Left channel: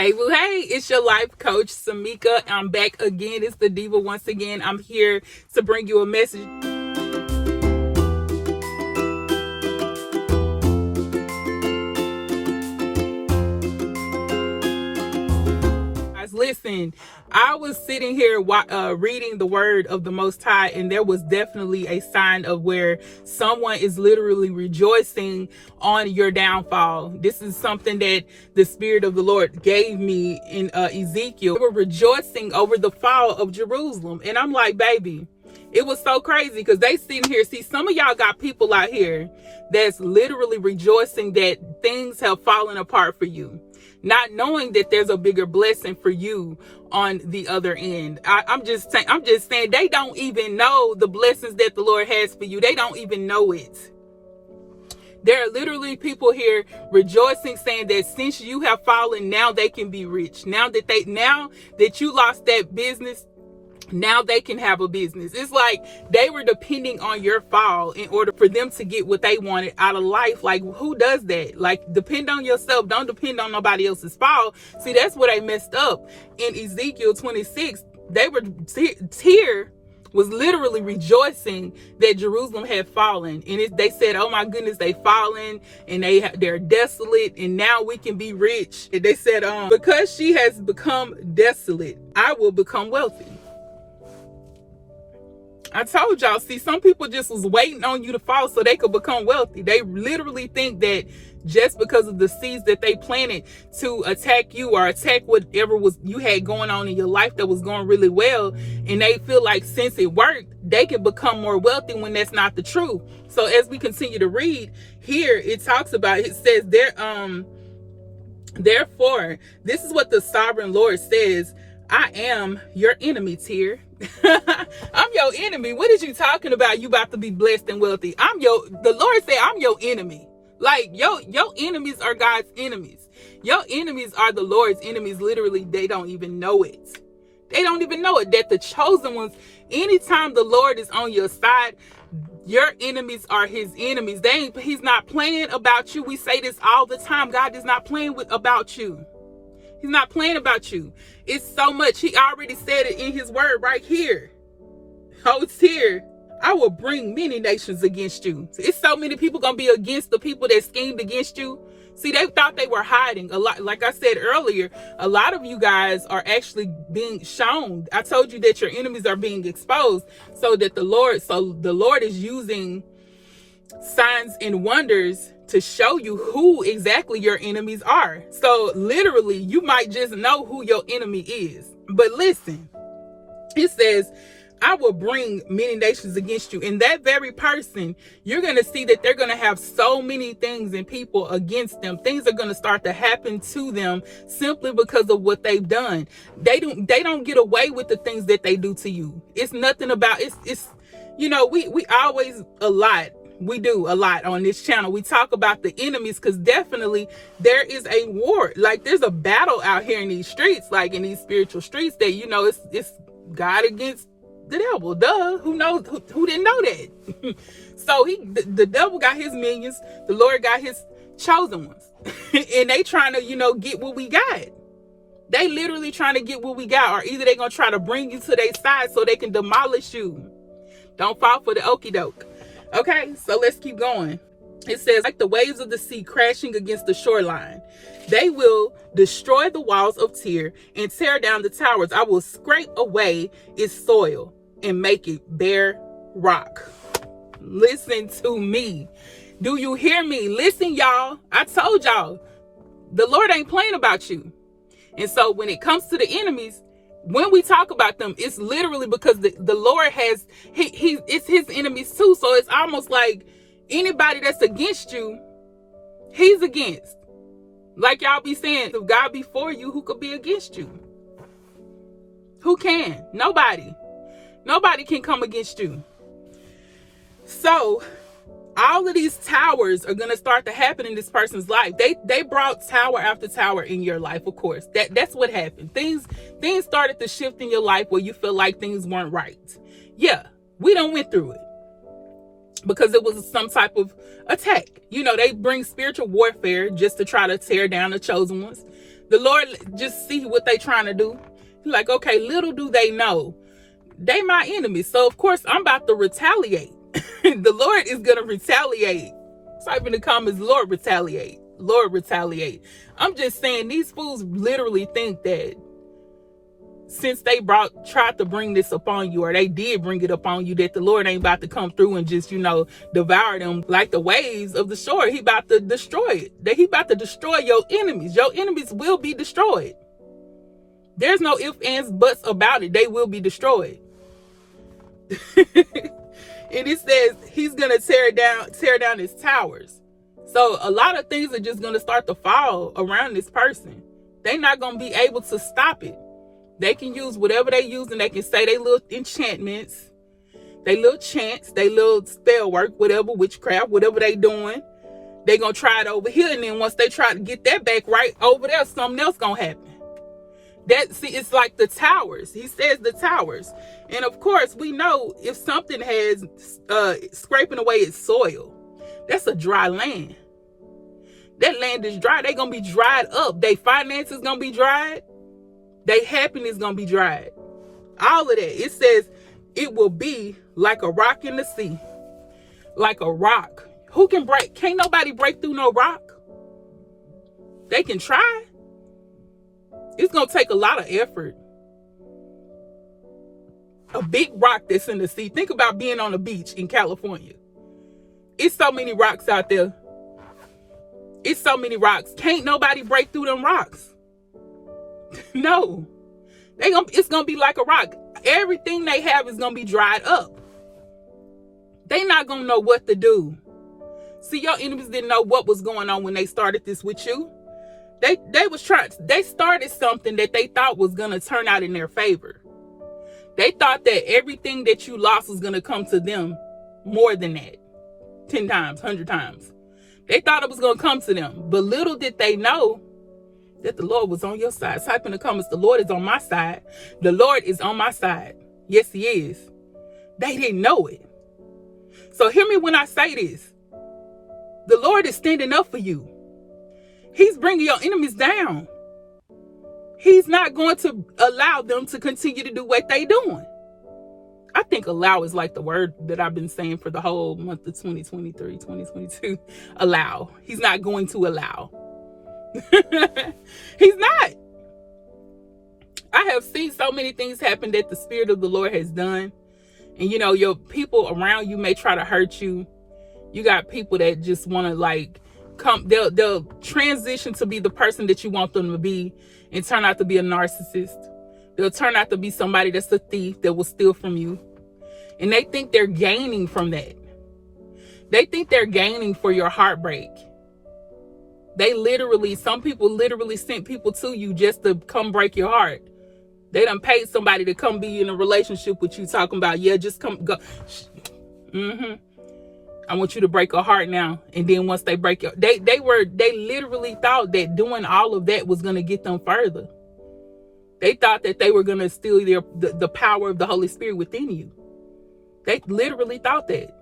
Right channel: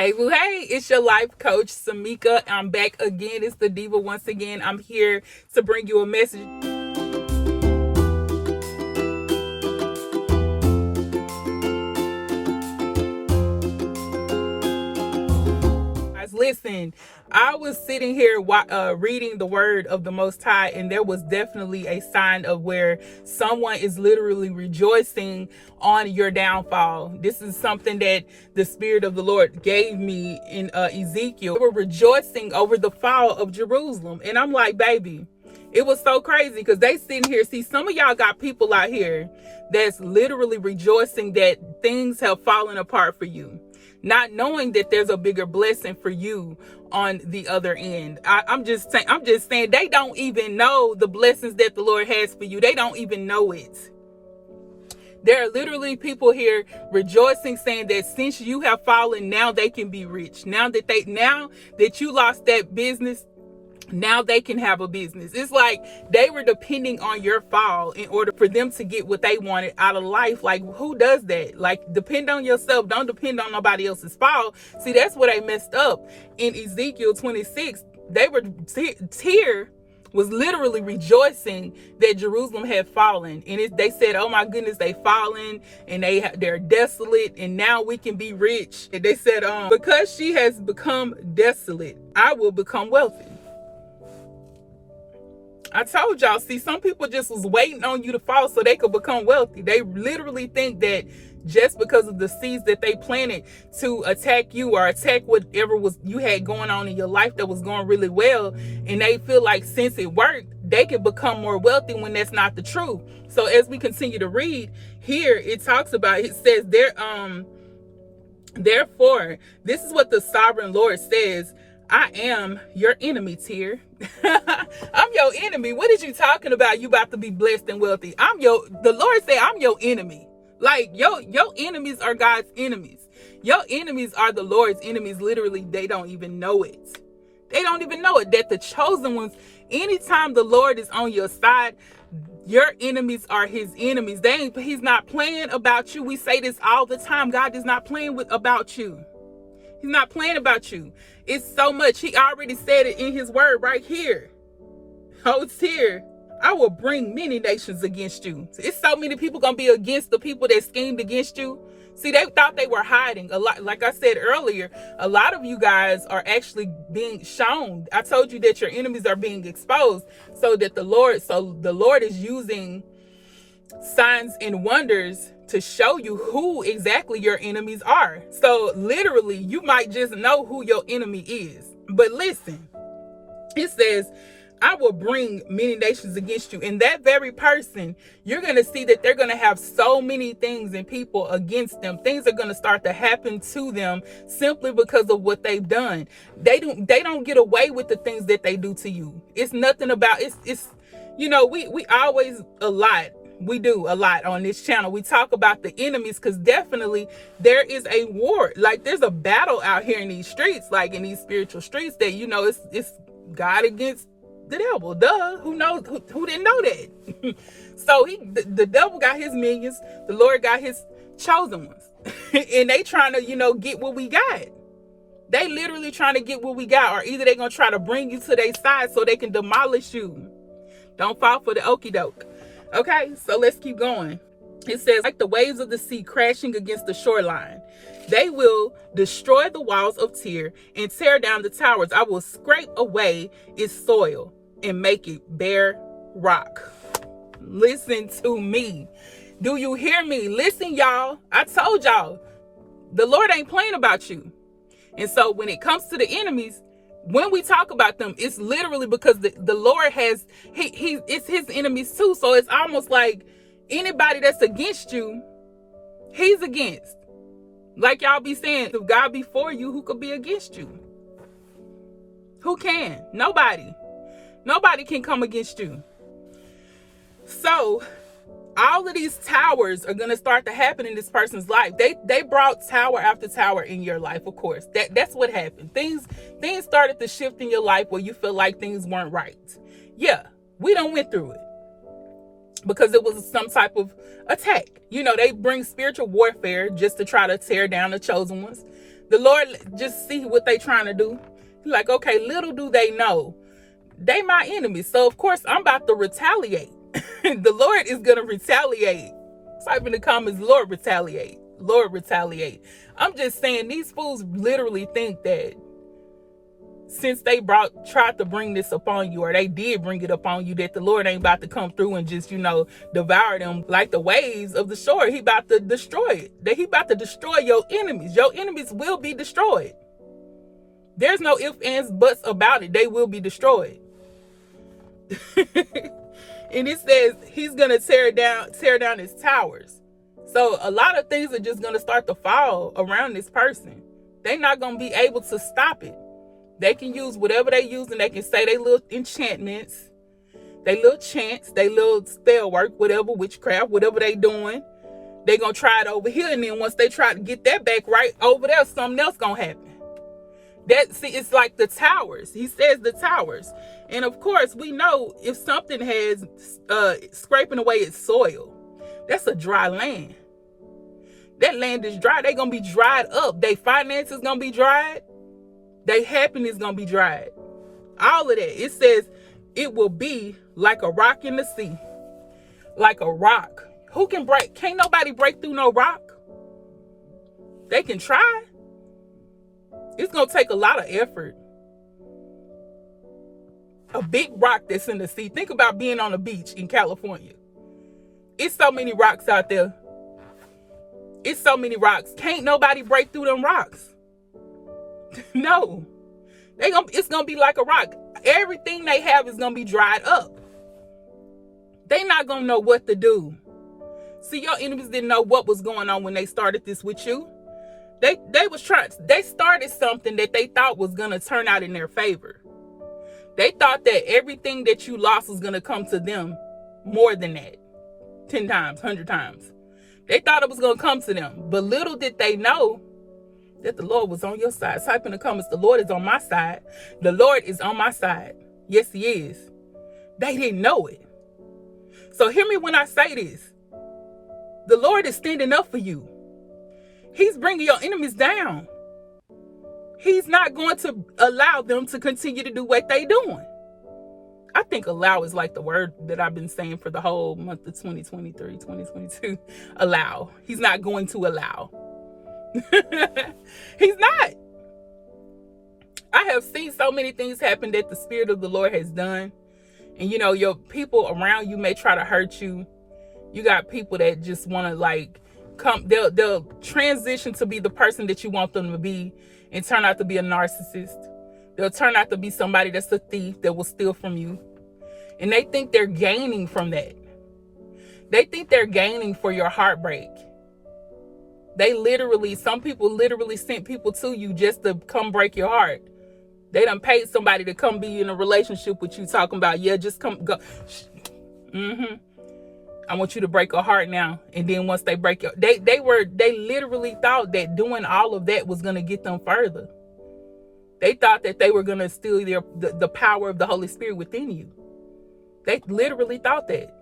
Hey, boo, hey, it's your life coach, Samika. I'm back again. It's the Diva once again. I'm here to bring you a message. Guys, listen, I was sitting here reading the word of the Most High, and there was definitely a sign of where someone is literally rejoicing on your downfall. This is something that the Spirit of the Lord gave me in Ezekiel. They were rejoicing over the fall of Jerusalem. And I'm like, baby, it was so crazy because they sitting here. See, some of y'all got people out here that's literally rejoicing that things have fallen apart for you, not knowing that there's a bigger blessing for you on the other end. I'm just saying they don't even know the blessings that the Lord has for you. They don't even know it. There are literally people here rejoicing, saying that since you have fallen, now they can be rich. Now that you lost that business, now they can have a business. It's like they were depending on your fall in order for them to get what they wanted out of life. Like, who does that? Like, depend on yourself. Don't depend on nobody else's fall. See, that's where they messed up. In Ezekiel 26, they were Tyre was literally rejoicing that Jerusalem had fallen. And they said, oh my goodness, they fallen and they're desolate and now we can be rich. And they said, because she has become desolate, I will become wealthy. I told y'all, see, some people just was waiting on you to fall so they could become wealthy. They literally think that just because of the seeds that they planted to attack you or attack whatever you had going on in your life that was going really well, and they feel like since it worked, they can become more wealthy when that's not the truth. So as we continue to read here, it talks about, it says therefore, this is what the sovereign Lord says, I am your enemy, Tyre. I'm your enemy. What is you talking about? You about to be blessed and wealthy. The Lord said, I'm your enemy. Like, your enemies are God's enemies. Your enemies are the Lord's enemies. Literally, they don't even know it. They don't even know it. That the chosen ones, anytime the Lord is on your side, your enemies are his enemies. He's not playing about you. We say this all the time. God is not playing about you. He's not playing about you. It's so much. He already said it in his word right here. Oh, it's here. I will bring many nations against you. It's so many people going to be against the people that schemed against you. See, they thought they were hiding a lot. Like I said earlier, a lot of you guys are actually being shown. I told you that your enemies are being exposed so the Lord is using signs and wonders to show you who exactly your enemies are. So literally, you might just know who your enemy is. But listen, it says, I will bring many nations against you. And that very person, you're going to see that they're going to have so many things and people against them. Things are going to start to happen to them simply because of what they've done. They don't get away with the things that they do to you. It's nothing about, it's we always we do a lot on this channel. We talk about the enemies because definitely there is a war. Like, there's a battle out here in these streets, like in these spiritual streets, that, it's God against the devil. Duh. Who knows? Who didn't know that? So the devil got his minions. The Lord got his chosen ones. And they trying to, get what we got. They literally trying to get what we got. Or either they going to try to bring you to their side so they can demolish you. Don't fall for the okie doke. Okay, so let's keep going. It says, like the waves of the sea crashing against the shoreline, they will destroy the walls of Tyre and tear down the towers. I will scrape away its soil and make it bare rock. Listen to me. Do you hear me? Listen, y'all. I told y'all, the Lord ain't playing about you. And so when it comes to the enemies, when we talk about them, it's literally because the Lord has, it's his enemies too. So it's almost like anybody that's against you, he's against. Like y'all be saying, if God be for you, who could be against you? Who can? Nobody. Nobody can come against you. So all of these towers are going to start to happen in this person's life. They brought tower after tower in your life, of course. That's what happened. Things started to shift in your life where you feel like things weren't right. Yeah, we done went through it because it was some type of attack. They bring spiritual warfare just to try to tear down the chosen ones. The Lord just see what they trying to do. He's like, okay, little do they know, they my enemies. So of course I'm about to retaliate. The Lord is gonna retaliate. Type in the comments, Lord retaliate. Lord retaliate. I'm just saying, these fools literally think that since they tried to bring this upon you, or they did bring it upon you, that the Lord ain't about to come through and just, devour them like the waves of the shore. He about to destroy it. That he about to destroy your enemies. Your enemies will be destroyed. There's no ifs, ands, buts about it. They will be destroyed. And it says he's gonna tear down his towers. So a lot of things are just gonna start to fall around this person. They're not gonna be able to stop it. They can use whatever they use, and they can say they little enchantments, they little chants, they little spell work, whatever, witchcraft, whatever they doing. They gonna try it over here, and then once they try to get that back right over there, something else gonna happen. It's like the towers. He says the towers. And of course, we know if something has scraping away its soil, that's a dry land. That land is dry. They're going to be dried up. Their finances going to be dried. Their happiness going to be dried. All of that. It says it will be like a rock in the sea. Like a rock. Who can break? Can't nobody break through no rock. They can try. It's going to take a lot of effort. A big rock that's in the sea. Think about being on the beach in California. It's so many rocks out there. It's so many rocks. Can't nobody break through them rocks. No. It's going to be like a rock. Everything they have is going to be dried up. They not going to know what to do. See, your enemies didn't know what was going on when they started this with you. They started something that they thought was going to turn out in their favor. They thought that everything that you lost was going to come to them more than that. 10 times, 100 times. They thought it was going to come to them. But little did they know that the Lord was on your side. Type in the comments, the Lord is on my side. The Lord is on my side. Yes, he is. They didn't know it. So hear me when I say this. The Lord is standing up for you. He's bringing your enemies down. He's not going to allow them to continue to do what they're doing. I think allow is like the word that I've been saying for the whole month of 2023, 2022. Allow. He's not going to allow. He's not. I have seen so many things happen that the Spirit of the Lord has done. And your people around you may try to hurt you. You got people that just want to they'll transition to be the person that you want them to be and turn out to be a narcissist. They'll turn out to be somebody that's a thief that will steal from you. And they think they're gaining from that. They think they're gaining for your heartbreak. Some people literally sent people to you just to come break your heart. They done paid somebody to come be in a relationship with you, talking about, yeah, just come, go. I want you to break a heart now. And then once they break your, they literally thought that doing all of that was going to get them further. They thought that they were going to steal the power of the Holy Spirit within you. They literally thought that.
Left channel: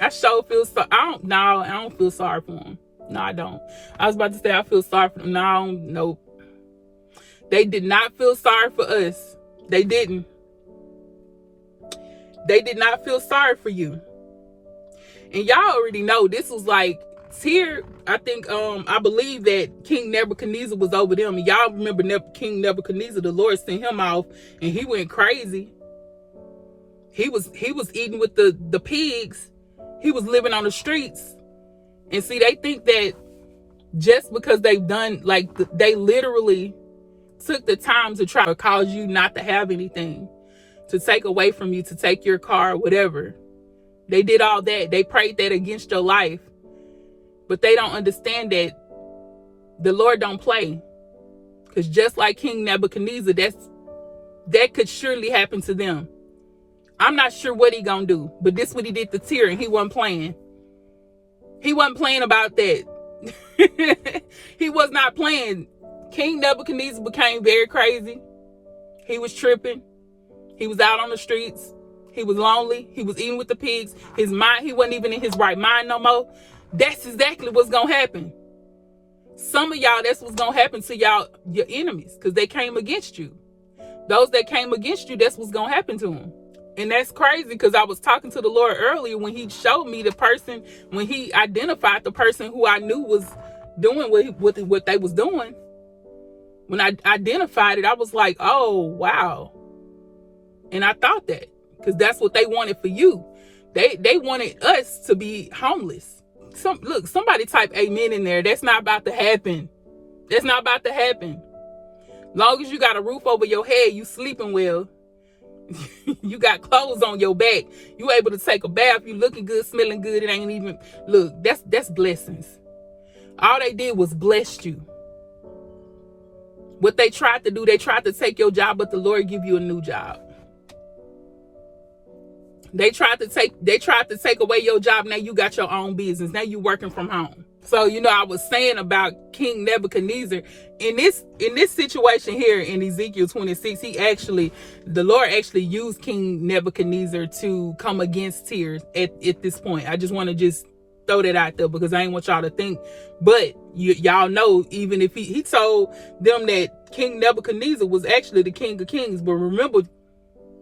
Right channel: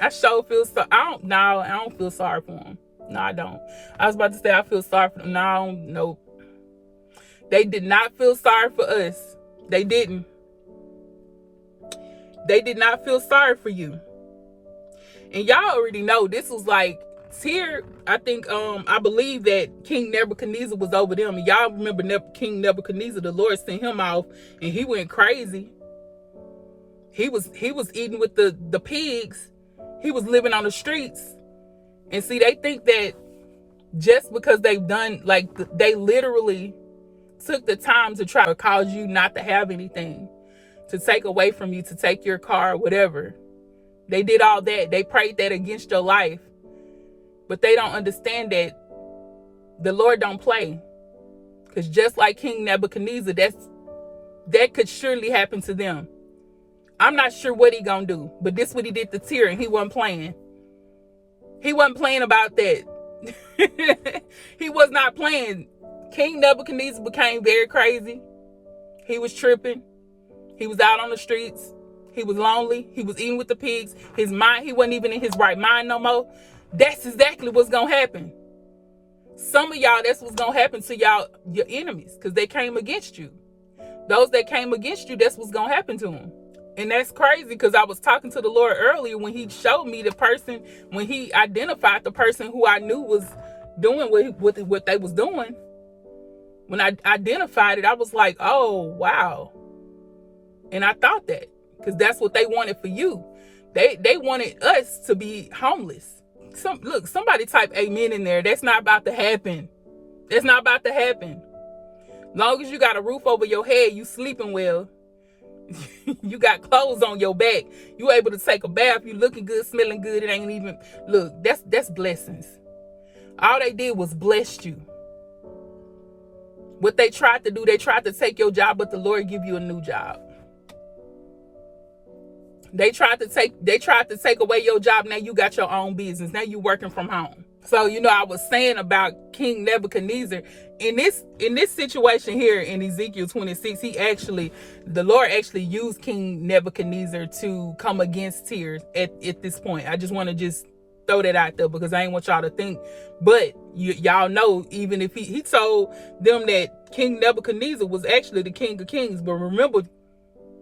I sure feel so. I don't feel sorry for them. No, I don't. I was about to say I feel sorry for them. No, nope. They did not feel sorry for us. They didn't. They did not feel sorry for you. And y'all already know this was like here. I think I believe that King Nebuchadnezzar was over them. And y'all remember King Nebuchadnezzar, the Lord sent him off and he went crazy. He was eating with the pigs. He was living on the streets. And see, they think that just because they've done, they literally took the time to try to cause you not to have anything, to take away from you, to take your car, whatever. They did all that. They prayed that against your life. But they don't understand that the Lord don't play. Because just like King Nebuchadnezzar, that could surely happen to them. I'm not sure what he gonna do, but this what he did to Tyr, and he wasn't playing. He wasn't playing about that. He was not playing. King Nebuchadnezzar became very crazy. He was tripping. He was out on the streets. He was lonely. He was eating with the pigs. His mind, he wasn't even in his right mind no more. That's exactly what's gonna happen. Some of y'all, that's what's gonna happen to y'all, your enemies, because they came against you. Those that came against you, that's what's gonna happen to them. And that's crazy, because I was talking to the Lord earlier when he showed me the person, when he identified the person who I knew was doing what they was doing. When I identified it, I was like, oh, wow. And I thought that, because that's what they wanted for you. They wanted us to be homeless. Look, somebody type amen in there. That's not about to happen. That's not about to happen. Long as you got a roof over your head, you sleeping well. You got clothes on your back. You able to take a bath. You looking good, smelling good. It ain't even, look, that's blessings. All they did was bless you. What they tried to do, they tried to take your job, but the Lord give you a new job. They tried to take away your job. Now you got your own business. Now you working from home. So, I was saying about King Nebuchadnezzar in this situation here in Ezekiel 26, the Lord actually used King Nebuchadnezzar to come against Tyre at this point. I just want to just throw that out there, because I ain't want y'all to think, but y'all know, even if he told them that King Nebuchadnezzar was actually the King of Kings, but remember,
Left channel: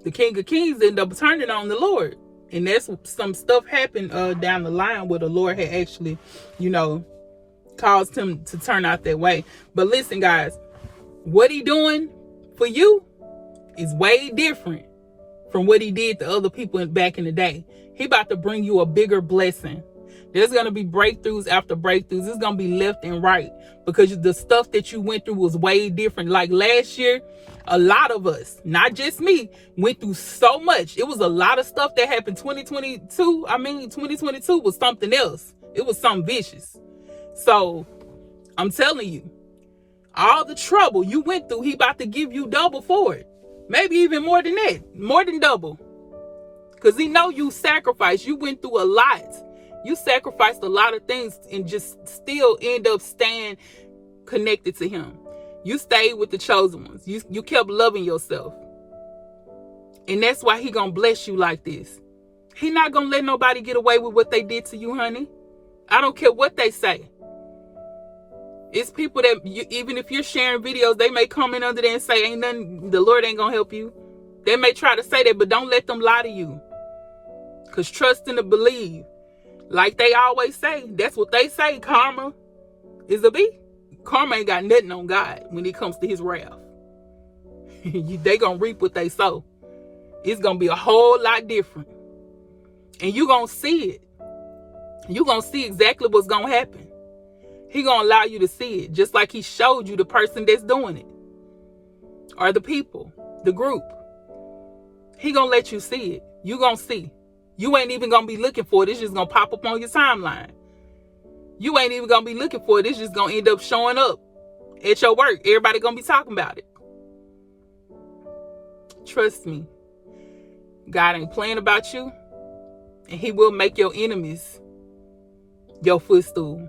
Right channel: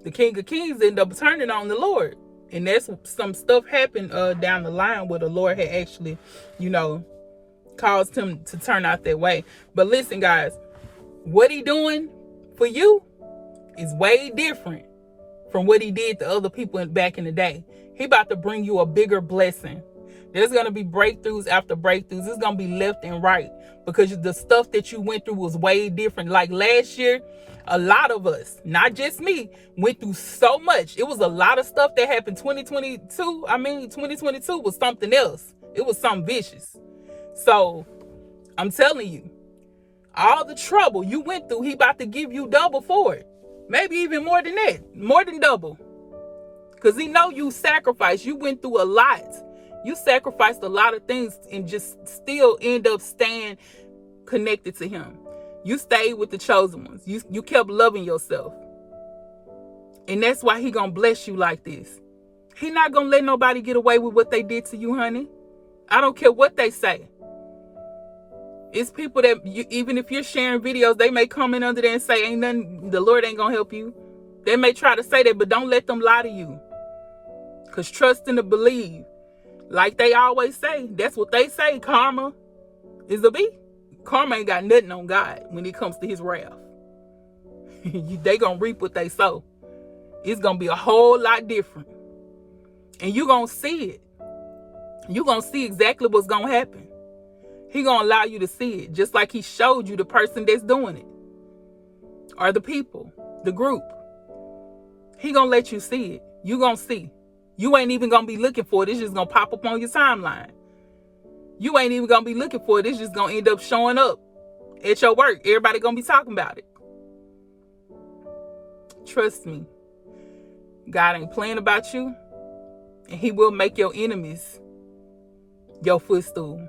the King of Kings ended up turning on the Lord. And that's some stuff happened down the line where the Lord had actually, caused him to turn out that way. But listen, guys, what he doing for you is way different from what he did to other people back in the day. He about to bring you a bigger blessing. There's going to be breakthroughs after breakthroughs. It's going to be left and right, because the stuff that you went through was way different. Like last year, a lot of us, not just me, went through so much. It was a lot of stuff that happened. 2022 was something else. It was something vicious. So I'm telling you, all the trouble you went through, he about to give you double for it. Maybe even more than that, more than double. Because he know you sacrificed. You went through a lot. You sacrificed a lot of things and just still end up staying connected to him. You stayed with the chosen ones. You kept loving yourself. And that's why he gonna bless you like this. He not gonna let nobody get away with what they did to you, honey. I don't care what they say. It's people that, even if you're sharing videos, they may comment under there and say, ain't nothing, the Lord ain't gonna help you. They may try to say that, but don't let them lie to you. Because trust and believe. Like they always say, that's what they say, karma is a bee. Karma ain't got nothing on God when it comes to his wrath. They gonna reap what they sow. It's gonna be a whole lot different. And you gonna see it. You gonna see exactly what's gonna happen. He gonna allow you to see it, just like he showed you the person that's doing it. Or the people, the group. He gonna let you see it. You gonna see. You ain't even gonna be looking for it. It's just gonna pop up on your timeline. You ain't even gonna be looking for it. It's just gonna end up showing up at your work. Everybody gonna be talking about it. Trust me. God ain't playing about you. And he will make your enemies your footstool.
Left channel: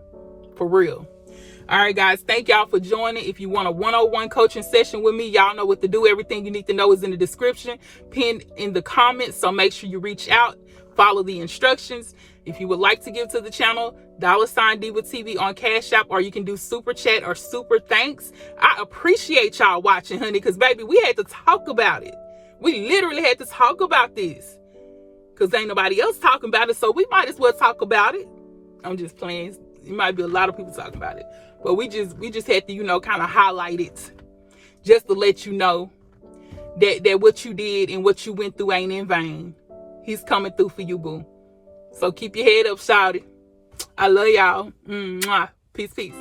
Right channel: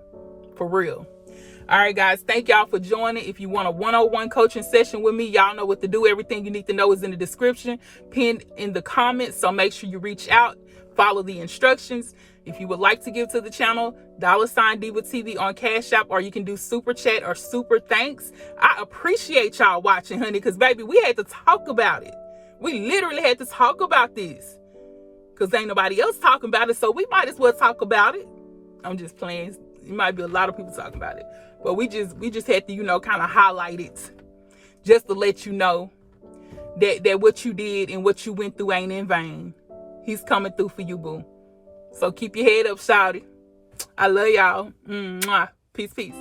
For real. All right, guys. Thank y'all for joining. If you want a one-on-one coaching session with me, y'all know what to do. Everything you need to know is in the description, pinned in the comments. So make sure you reach out. Follow the instructions. If you would like to give to the channel, $DivaTV on Cash App, or you can do super chat or super thanks. I appreciate y'all watching, honey, because baby, we had to talk about it. We literally had to talk about this because ain't nobody else talking about it, so we might as well talk about it. I'm just playing. It might be a lot of people talking about it, but we just had to, kind of highlight it just to let you know that what you did and what you went through ain't in vain. He's coming through for you, boo. So keep your head up, shawty. I love y'all. Mwah. Peace, peace.